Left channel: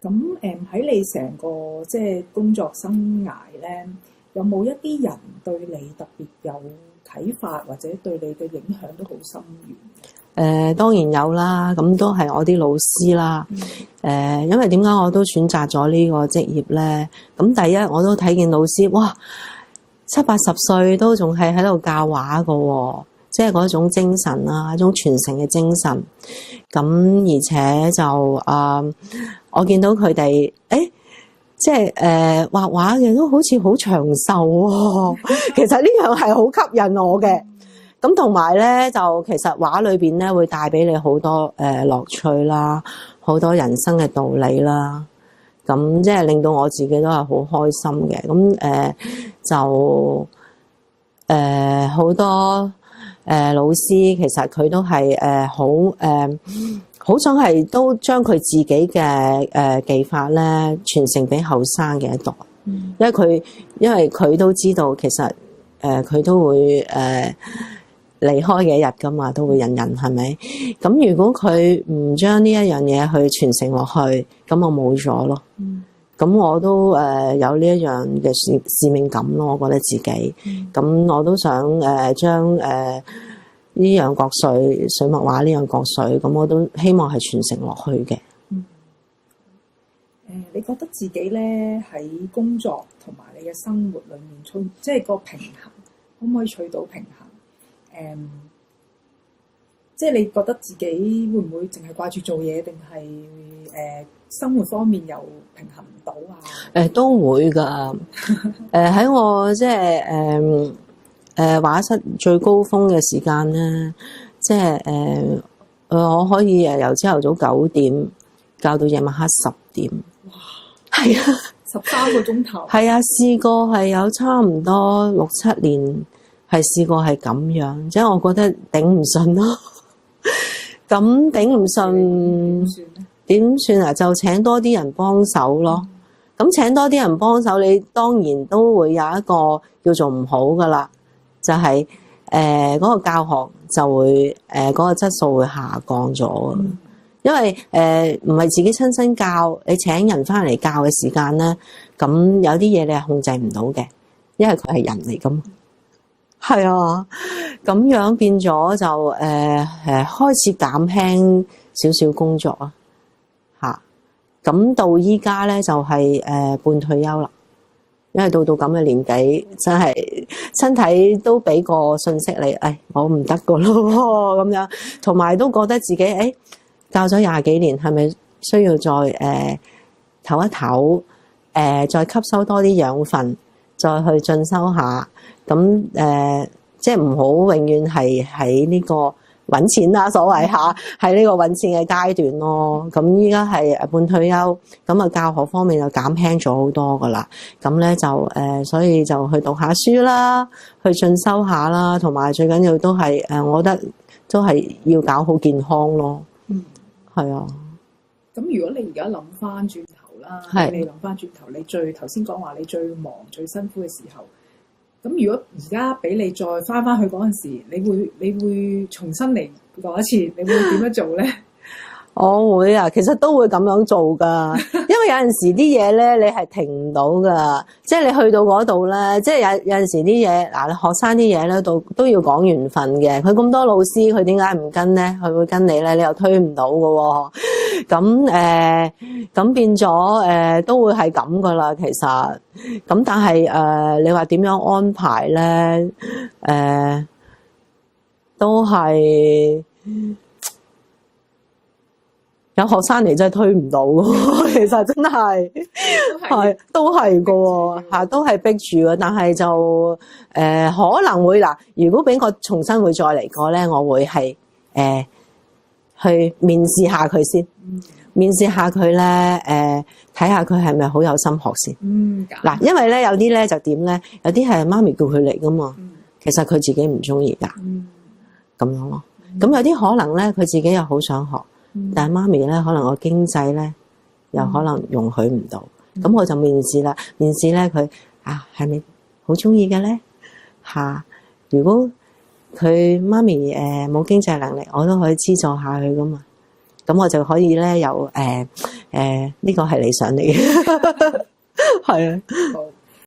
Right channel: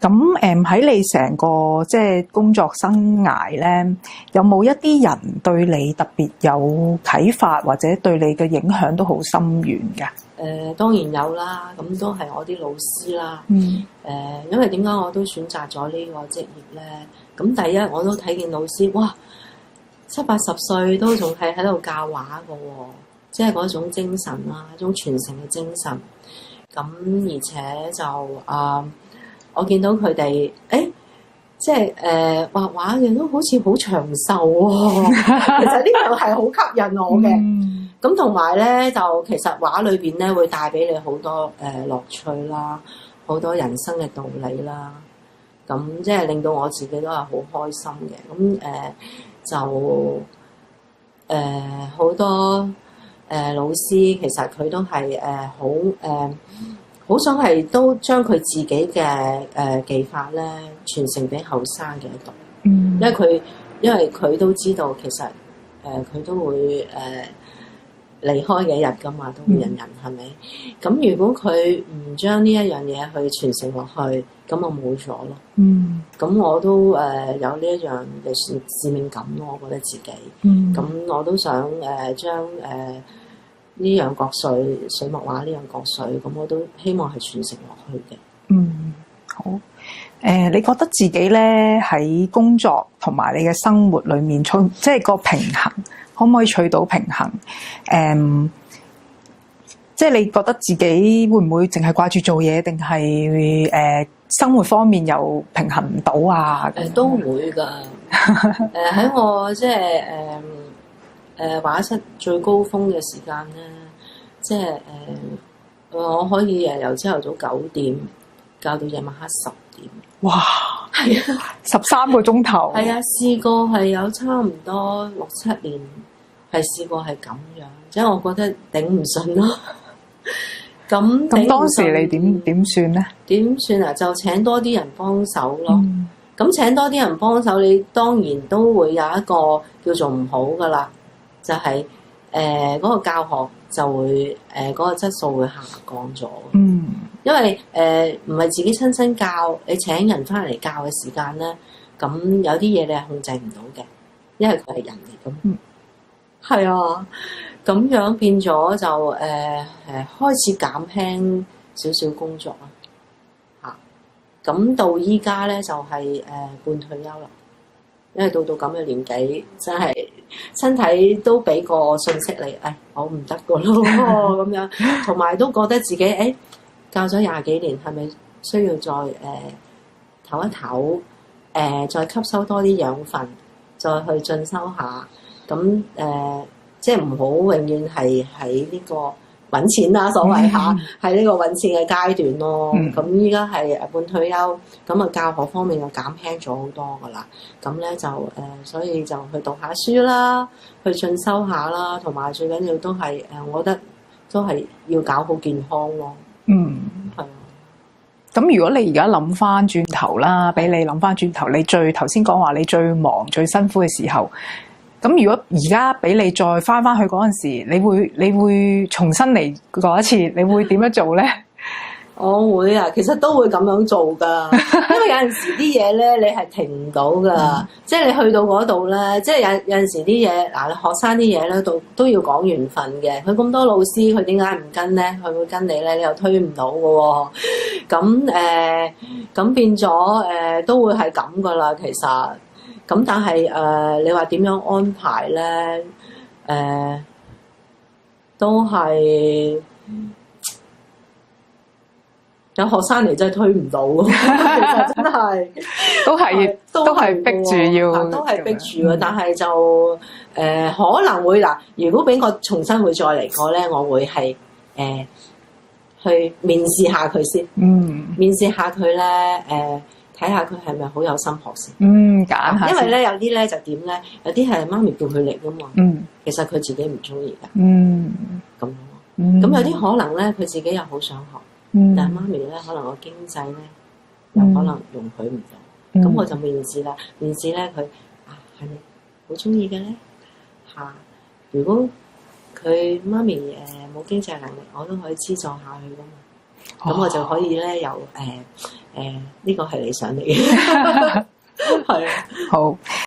咁喺你成個即係工作生涯咧，有冇一啲人對你特別有啟發，或者對你嘅影響都好深遠㗎？當然有啦，咁都係我啲老師啦。因為點解我都選擇咗呢個職業咧？咁第一我都睇見老師，哇，70-80歲都仲係喺度教畫㗎喎，即係嗰種精神啦，一種傳承嘅精神。咁而且就我見到佢哋，即係畫畫嘅都好似好長壽喎。其實呢樣係好吸引我嘅。咁同埋咧，就其實畫裏邊咧會帶俾你好多樂趣啦，好多人生嘅道理啦。咁即係令到我自己都係好開心嘅。咁就好多老師其實佢都係好想係都將佢自己嘅技法咧傳承俾後生嘅一代。因為佢都知道其實佢都會離開嘅一日㗎嘛，都會人係咪？咁如果佢唔將呢一樣嘢去傳承落去，咁我冇咗咯。咁我都有呢一樣嘅使命感咯，我覺得自己。咁我都想將呢樣國粹水墨畫呢樣國粹，咁我都希望係傳承落去嘅。好。你覺得自己咧喺工作同埋你嘅生活裏面，即係個平衡，可唔可以取到平衡？即係你覺得自己會唔會淨係掛住做嘢，定係生活方面又平衡唔到啊？都會㗎。喺我即係畫室最高峰嘅時間咧，即係我可以由朝頭早9點教到夜晚黑10點。哇！係啊，13個鐘頭。係啊，試過係有差唔多6-7年，係試過係咁樣，即係我覺得頂唔順咯。咁頂唔順，你點算咧？點算啊？就請多啲人幫手咯。咁請多啲人幫手，你當然都會有一個叫做唔好噶啦，就係嗰個教學就會嗰個質素會下降咗。因為唔係自己親身教，你請人翻嚟教嘅時間咧，咁有啲嘢你係控制唔到嘅，因為佢係人嚟咁。係啊，咁樣變咗就開始減輕少少工作啊，嚇！咁到依家咧就係半退休啦，因為到咁嘅年紀，真係身體都俾個信息你，我唔得個咯咁樣，同埋都覺得自己教咗20幾年，係咪需要再唞一唞，再吸收多啲養分，再去進修下。咁即係唔好永遠係喺呢個揾錢啦，所謂下喺呢個揾錢嘅階段咯。咁依家係半退休，咁啊教學方面就減輕咗好多噶啦。咁咧就所以就去讀下書啦，去進修下啦，同埋最緊要都係我覺得都係要搞好健康咯。係啊。咁如果你而家諗翻轉頭啦，俾你諗翻轉頭，你頭先講話你最忙最辛苦嘅時候。咁如果而家俾你再翻去嗰陣時，你會重新嚟過一次，你會點樣做咧？我會啊，其實都會咁樣做㗎，因為有陣時啲嘢咧，你係停唔到㗎，即係你去到嗰度咧，即係有陣時啲嘢嗱，學生啲嘢咧都要講緣分嘅。佢咁多老師，佢點解唔跟咧？佢會跟你咧，你又推唔到㗎喎。咁變咗都會係咁㗎啦，其實。咁但係你話點樣安排咧？都係有學生嚟真係推唔到，其實真係都係逼住要，都係逼住嘅。但係就可能會嗱，如果俾我重新會再嚟過咧，我會係去面試下佢先，面試下佢咧睇下佢係咪好有心學先。嗱，因為咧有啲咧就點咧，有啲係媽咪叫佢嚟噶嘛。其實佢自己唔中意㗎。咁樣咯。咁有啲可能咧，佢自己又好想學，但係媽咪咧可能個經濟咧又可能容許唔到。咁我就面試啦。面試咧佢係咪好中意嘅咧？如果佢媽咪冇經濟能力，我都可以資助下佢噶嘛。咁我就可以咧有呢個係理想嚟嘅，係啊，好。